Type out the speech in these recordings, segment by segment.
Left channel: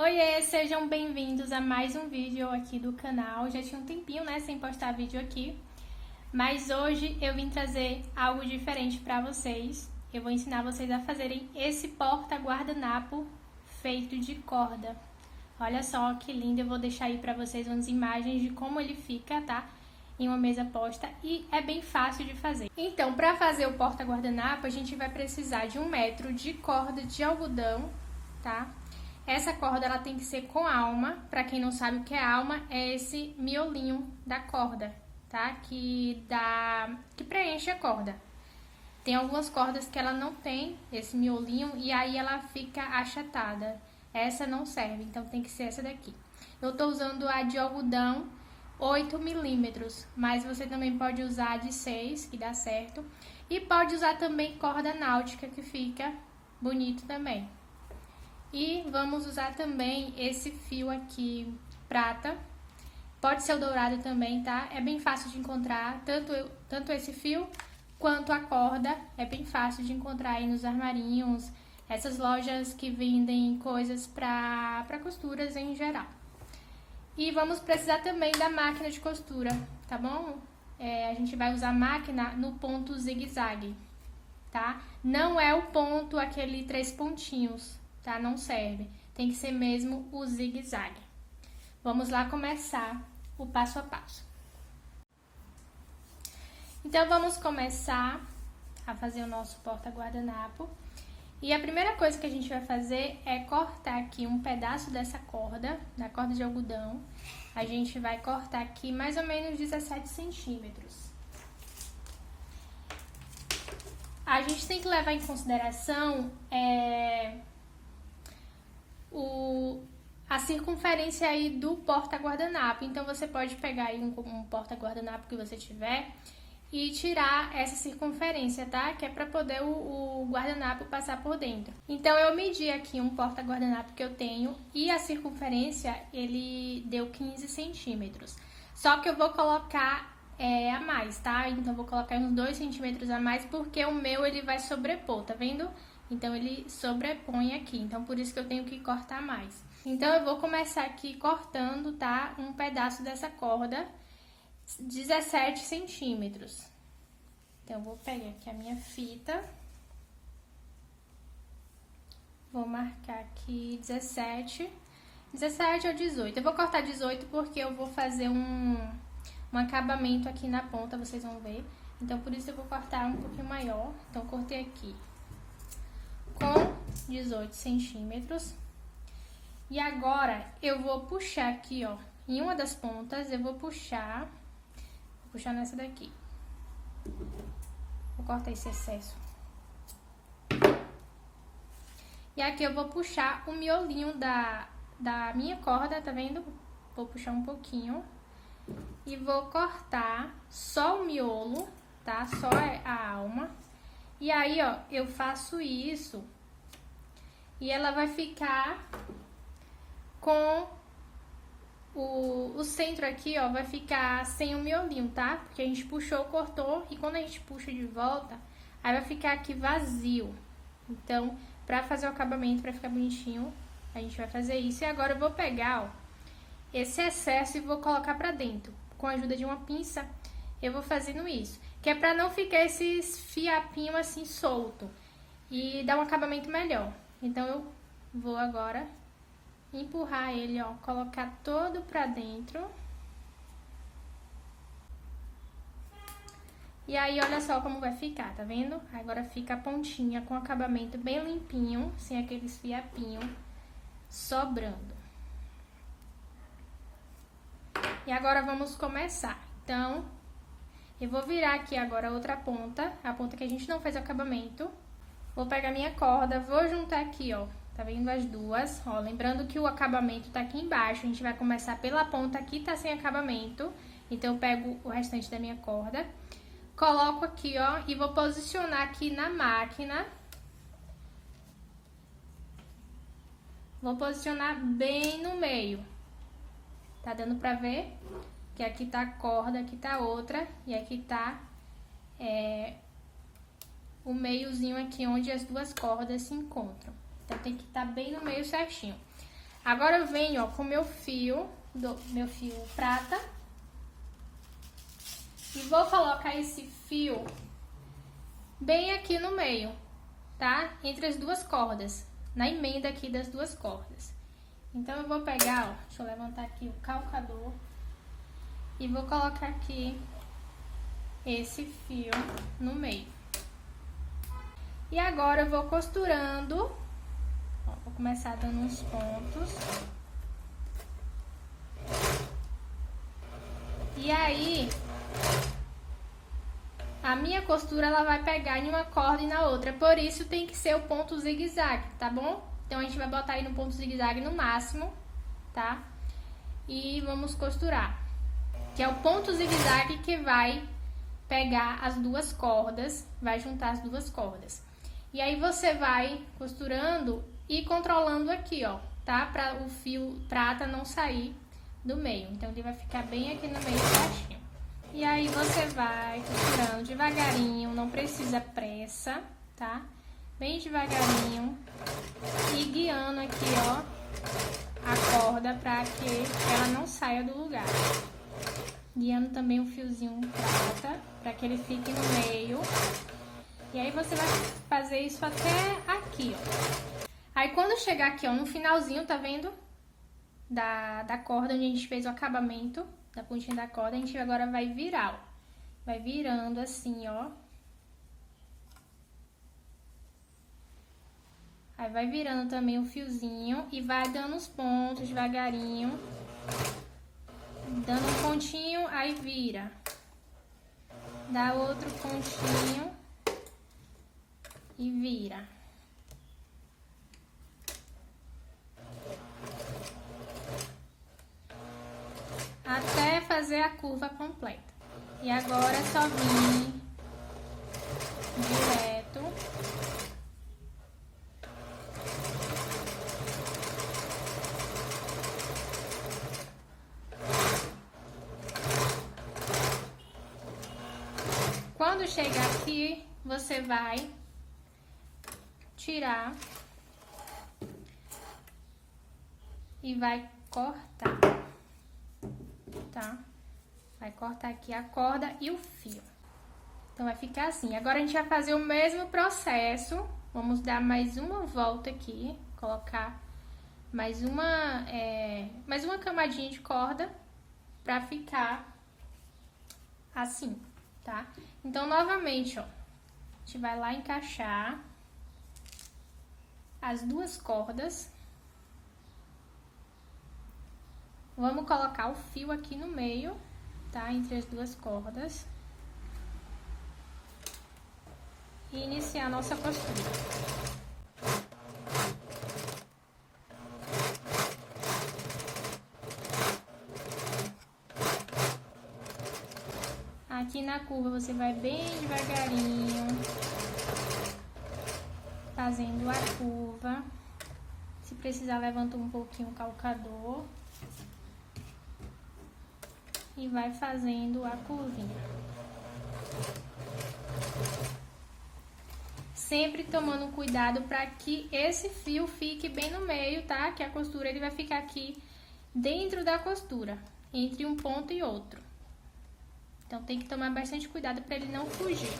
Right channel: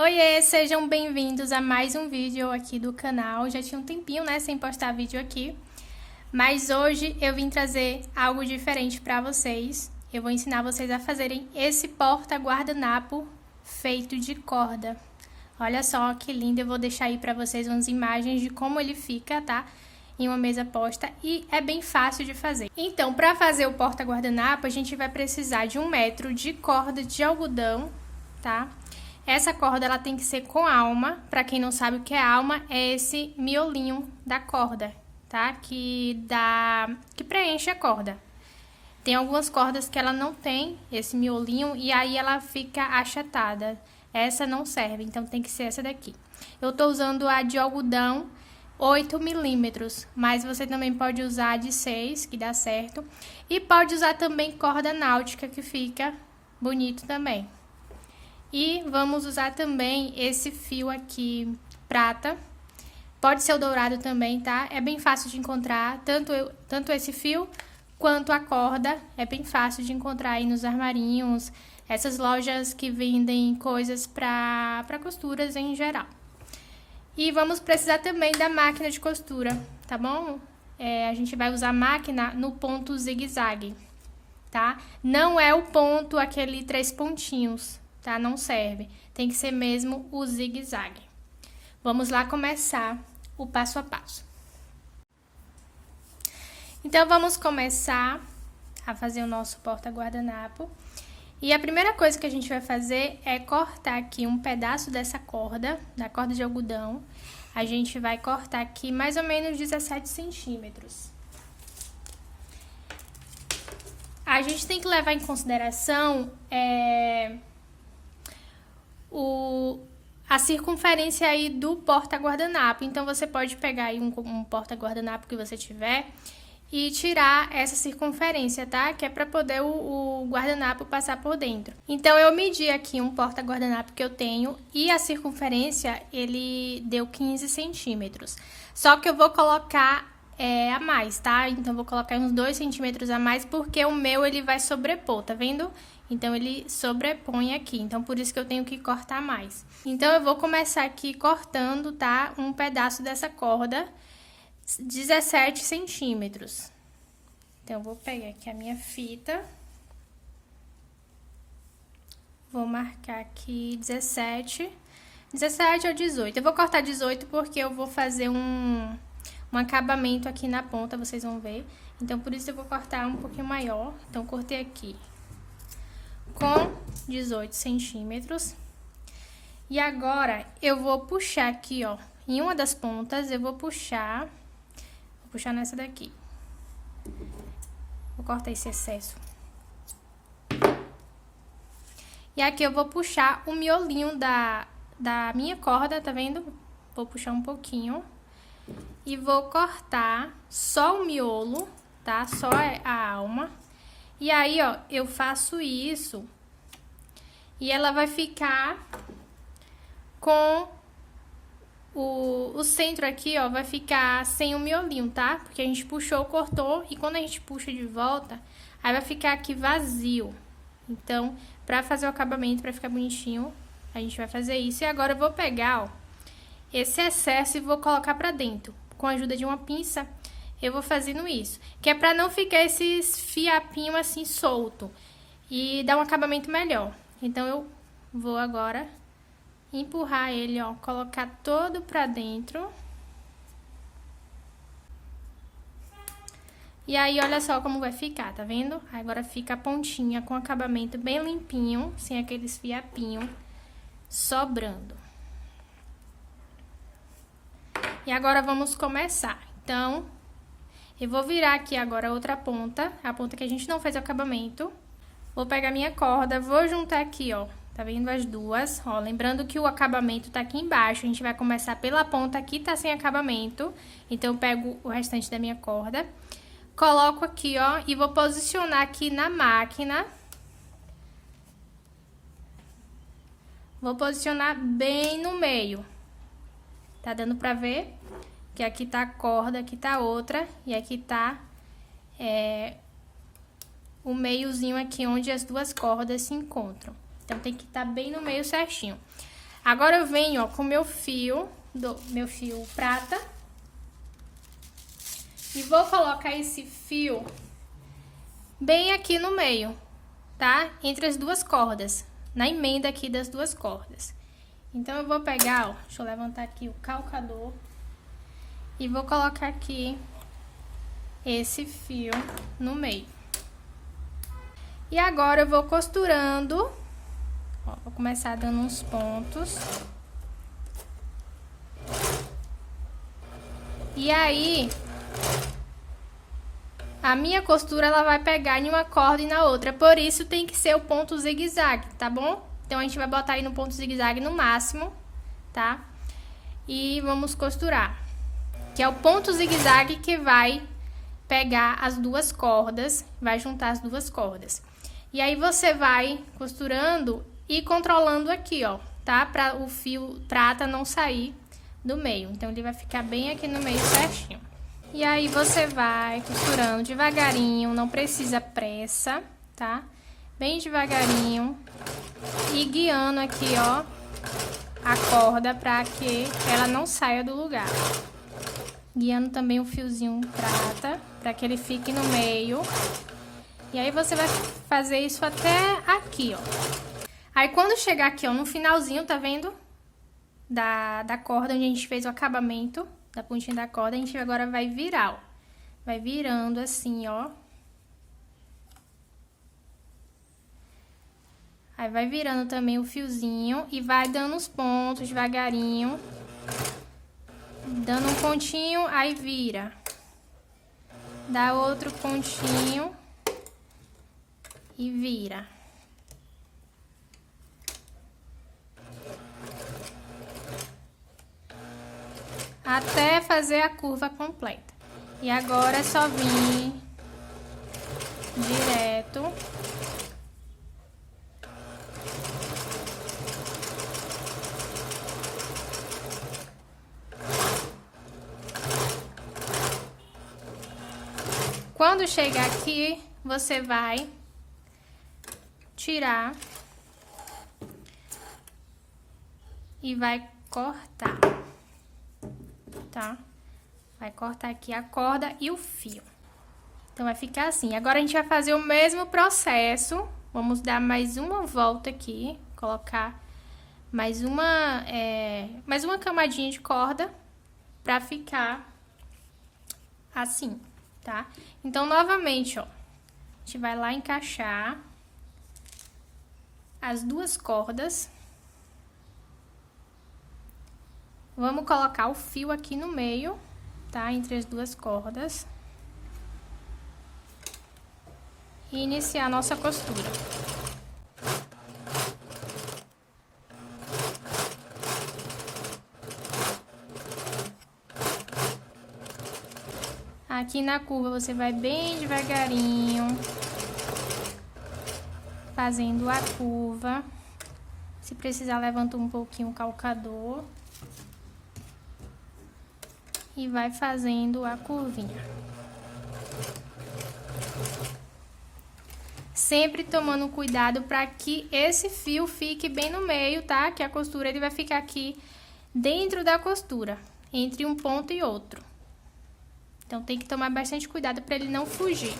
Oiê, sejam bem-vindos a mais um vídeo aqui do canal. Já tinha um tempinho, né, sem postar vídeo aqui, mas hoje eu vim trazer algo diferente para vocês. Eu vou ensinar vocês a fazerem esse porta-guardanapo feito de corda. Olha só que lindo, eu vou deixar aí para vocês umas imagens de como ele fica, tá? Em uma mesa posta e é bem fácil de fazer. Então, para fazer o porta-guardanapo, a gente vai precisar de 1 metro de corda de algodão, tá? Essa corda ela tem que ser com alma. Para quem não sabe o que é alma, é esse miolinho da corda, tá? Que preenche a corda. Tem algumas cordas que ela não tem esse miolinho e aí ela fica achatada. Essa não serve, então tem que ser essa daqui. Eu tô usando a de algodão 8 milímetros, mas você também pode usar a de 6, que dá certo. E pode usar também corda náutica, que fica bonito também. E vamos usar também esse fio aqui, prata. Pode ser o dourado também, tá? É bem fácil de encontrar, tanto esse fio quanto a corda. É bem fácil de encontrar aí nos armarinhos, essas lojas que vendem coisas para costuras em geral. E vamos precisar também da máquina de costura, tá bom? A gente vai usar a máquina no ponto zigue-zague, tá? Não é o ponto, aquele 3 pontinhos, tá? Não serve. Tem que ser mesmo o zigue-zague. Vamos lá começar o passo a passo. Então, vamos começar a fazer o nosso porta-guardanapo. E a primeira coisa que a gente vai fazer é cortar aqui um pedaço dessa corda, da corda de algodão. A gente vai cortar aqui mais ou menos 17 centímetros. A gente tem que levar em consideração a circunferência aí do porta-guardanapo. Então, você pode pegar aí um porta-guardanapo que você tiver e tirar essa circunferência, tá? Que é para poder o guardanapo passar por dentro. Então, eu medi aqui um porta-guardanapo que eu tenho e a circunferência, ele deu 15 centímetros. Só que eu vou colocar a mais, tá? Então, vou colocar uns 2 centímetros a mais porque o meu, ele vai sobrepor, tá vendo? Então, ele sobrepõe aqui. Então, por isso que eu tenho que cortar mais. Então, eu vou começar aqui cortando, tá? Um pedaço dessa corda, 17 centímetros. Então, eu vou pegar aqui a minha fita. Vou marcar aqui 17 ou 18. Eu vou cortar 18 porque eu vou fazer um acabamento aqui na ponta, vocês vão ver. Então, por isso eu vou cortar um pouquinho maior. Então, cortei aqui com 18 centímetros. E agora, eu vou puxar aqui, ó, em uma das pontas, eu vou puxar nessa daqui. Vou cortar esse excesso. E aqui eu vou puxar o miolinho da minha corda, tá vendo? Vou puxar um pouquinho. E vou cortar só o miolo, tá? Só a alma. E aí, ó, eu faço isso. E ela vai ficar com o centro aqui, ó, vai ficar sem o miolinho, tá? Porque a gente puxou, cortou, e quando a gente puxa de volta, aí vai ficar aqui vazio. Então, pra fazer o acabamento, pra ficar bonitinho, a gente vai fazer isso. E agora eu vou pegar, ó, esse excesso e vou colocar pra dentro. Com a ajuda de uma pinça, eu vou fazendo isso. Que é pra não ficar esses fiapinhos assim solto. E dar um acabamento melhor. Então, eu vou agora empurrar ele, ó, colocar todo pra dentro. E aí, olha só como vai ficar, tá vendo? Agora fica a pontinha com acabamento bem limpinho, sem aqueles fiapinhos sobrando. E agora vamos começar. Então, eu vou virar aqui agora a outra ponta, a ponta que a gente não fez o acabamento. Vou pegar minha corda, vou juntar aqui, ó. Tá vendo as duas? Ó, lembrando que o acabamento tá aqui embaixo. A gente vai começar pela ponta que tá sem acabamento. Então, eu pego o restante da minha corda. Coloco aqui, ó, e vou posicionar aqui na máquina. Vou posicionar bem no meio. Tá dando pra ver? Que aqui tá a corda, aqui tá outra. E aqui tá o meiozinho aqui onde as duas cordas se encontram. Então, tem que estar bem no meio certinho. Agora eu venho, ó, com meu fio prata. E vou colocar esse fio bem aqui no meio, tá? Entre as duas cordas, na emenda aqui das duas cordas. Então, eu vou pegar, ó, deixa eu levantar aqui o calcador. E vou colocar aqui esse fio no meio. E agora eu vou costurando, ó, vou começar dando uns pontos. E aí, a minha costura, ela vai pegar em uma corda e na outra, por isso tem que ser o ponto zigue-zague, tá bom? Então, a gente vai botar aí no ponto zigue-zague no máximo, tá? E vamos costurar. Que é o ponto zigue-zague que vai pegar as duas cordas, vai juntar as duas cordas. E aí, você vai costurando e controlando aqui, ó, tá? Pra o fio prata não sair do meio. Então, ele vai ficar bem aqui no meio certinho. E aí, você vai costurando devagarinho, não precisa pressa, tá? Bem devagarinho. E guiando aqui, ó, a corda pra que ela não saia do lugar. Guiando também o fiozinho prata, pra que ele fique no meio. E aí, você vai fazer isso até aqui, ó. Aí, quando chegar aqui, ó, no finalzinho, tá vendo? Da corda, onde a gente fez o acabamento da pontinha da corda, a gente agora vai virar, ó. Vai virando assim, ó. Aí, vai virando também o fiozinho e vai dando os pontos devagarinho. Dando um pontinho, aí vira. Dá outro pontinho e vira. Até fazer a curva completa. E agora é só vir direto. Quando chegar aqui, você vai tirar e vai cortar, tá? Vai cortar aqui a corda e o fio. Então, vai ficar assim. Agora, a gente vai fazer o mesmo processo. Vamos dar mais uma volta aqui, colocar mais uma camadinha de corda pra ficar assim, tá? Então, novamente, ó, a gente vai lá encaixar as duas cordas. Vamos colocar o fio aqui no meio, tá? Entre as duas cordas. E iniciar a nossa costura. Aqui na curva, você vai bem devagarinho, fazendo a curva. Se precisar, levanta um pouquinho o calcador. E vai fazendo a curvinha. Sempre tomando cuidado para que esse fio fique bem no meio, tá? Que a costura, ele vai ficar aqui dentro da costura, entre um ponto e outro. Então, tem que tomar bastante cuidado para ele não fugir.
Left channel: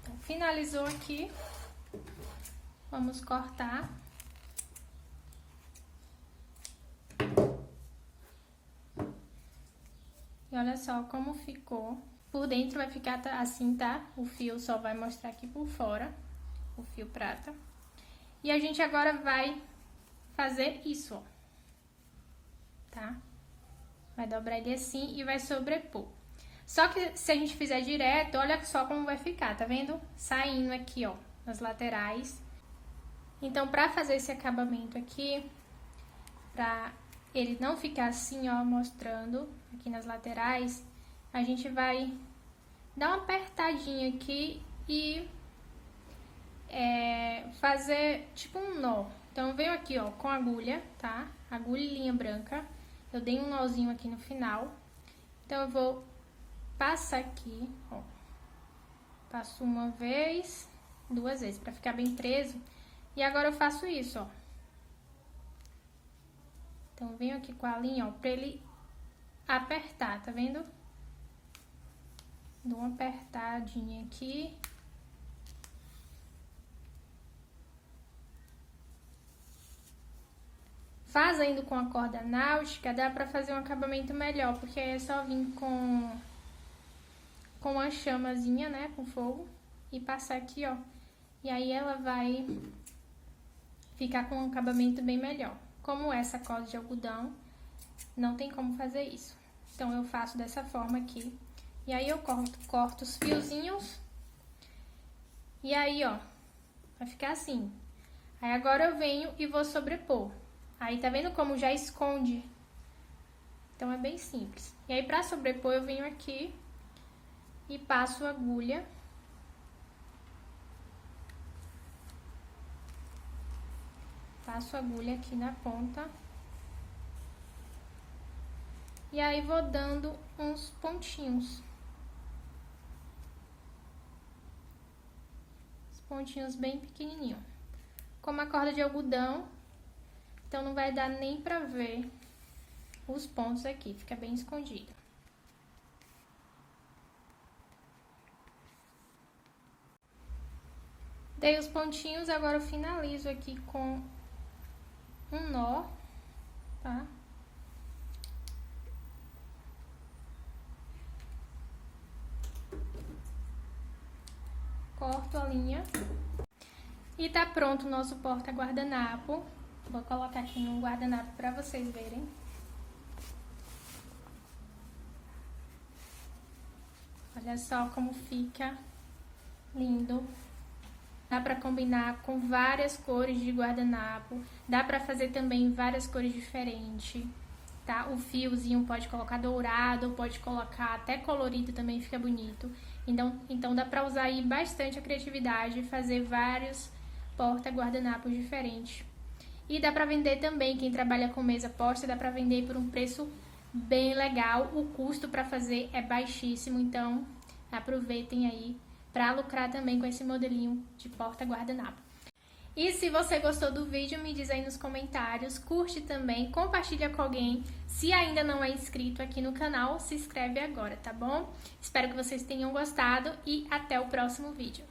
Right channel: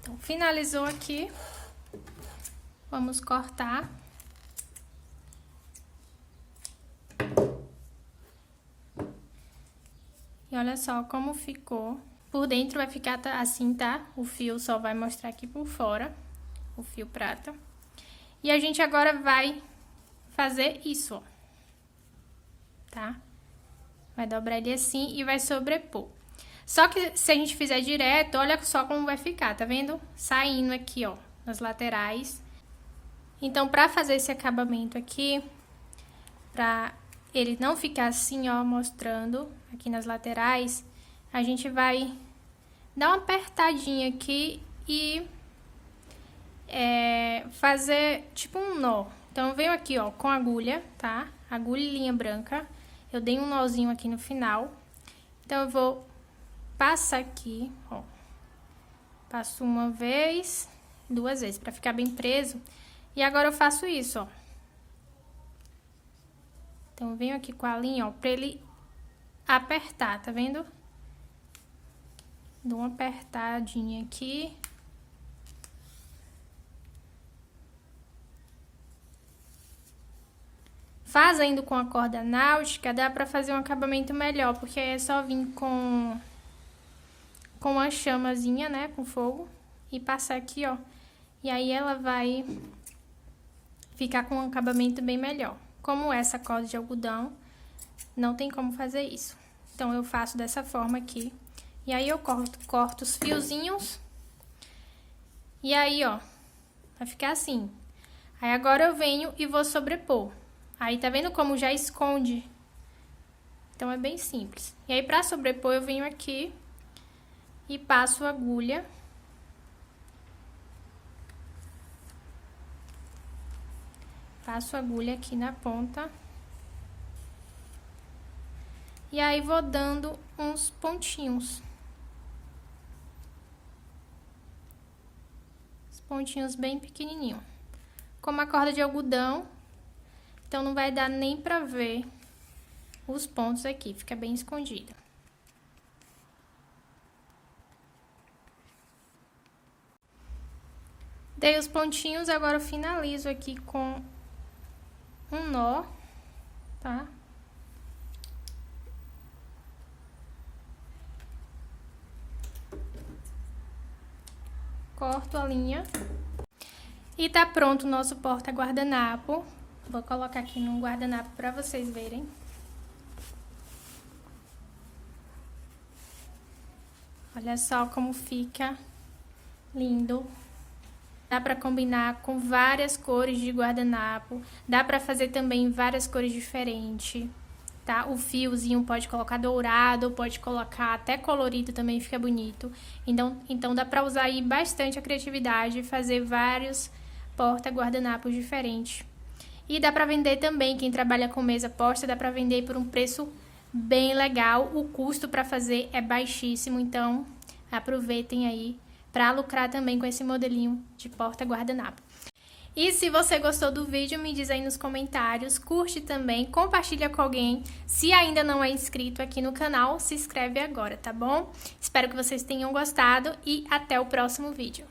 Então, finalizou aqui. Vamos cortar. E olha só como ficou. Por dentro vai ficar assim, tá? O fio só vai mostrar aqui por fora, o fio prata. E a gente agora vai fazer isso, ó. Tá? Vai dobrar ele assim e vai sobrepor. Só que se a gente fizer direto, olha só como vai ficar, tá vendo? Saindo aqui, ó, nas laterais. Então, pra fazer esse acabamento aqui, pra ele não ficar assim, ó, mostrando aqui nas laterais, a gente vai dar uma apertadinha aqui e fazer tipo um nó. Então, eu venho aqui, ó, com agulha, tá? Agulha e linha branca. Eu dei um nozinho aqui no final. Então, eu vou passar aqui, ó. Passo uma vez, 2 vezes, pra ficar bem preso. E agora eu faço isso, ó. Então, eu venho aqui com a linha, ó, pra ele apertar, tá vendo? Dou uma apertadinha aqui. Fazendo com a corda náutica, dá pra fazer um acabamento melhor, porque é só vir com uma chamazinha, né, com fogo, e passar aqui, ó. E aí ela vai ficar com um acabamento bem melhor. Como essa corda de algodão, não tem como fazer isso. Então, eu faço dessa forma aqui. E aí, eu corto os fiozinhos. E aí, ó, vai ficar assim. Aí, agora eu venho e vou sobrepor. Aí, tá vendo como já esconde? Então, é bem simples. E aí, pra sobrepor, eu venho aqui e passo a agulha. Passo a agulha aqui na ponta. E aí, vou dando uns pontinhos. Os pontinhos bem pequenininhos. Como a corda de algodão, então não vai dar nem pra ver os pontos aqui, fica bem escondido. Dei os pontinhos, agora eu finalizo aqui com um nó, tá? Corto a linha. E tá pronto o nosso porta-guardanapo. Vou colocar aqui num guardanapo pra vocês verem. Olha só como fica lindo. Dá pra combinar com várias cores de guardanapo. Dá pra fazer também várias cores diferentes, tá? O fiozinho pode colocar dourado, pode colocar até colorido também, fica bonito. Então dá pra usar aí bastante a criatividade e fazer vários porta-guardanapos diferentes. E dá pra vender também, quem trabalha com mesa posta, dá pra vender por um preço bem legal. O custo pra fazer é baixíssimo, então aproveitem aí pra lucrar também com esse modelinho de porta-guardanapo. E se você gostou do vídeo, me diz aí nos comentários, curte também, compartilha com alguém. Se ainda não é inscrito aqui no canal, se inscreve agora, tá bom? Espero que vocês tenham gostado e até o próximo vídeo.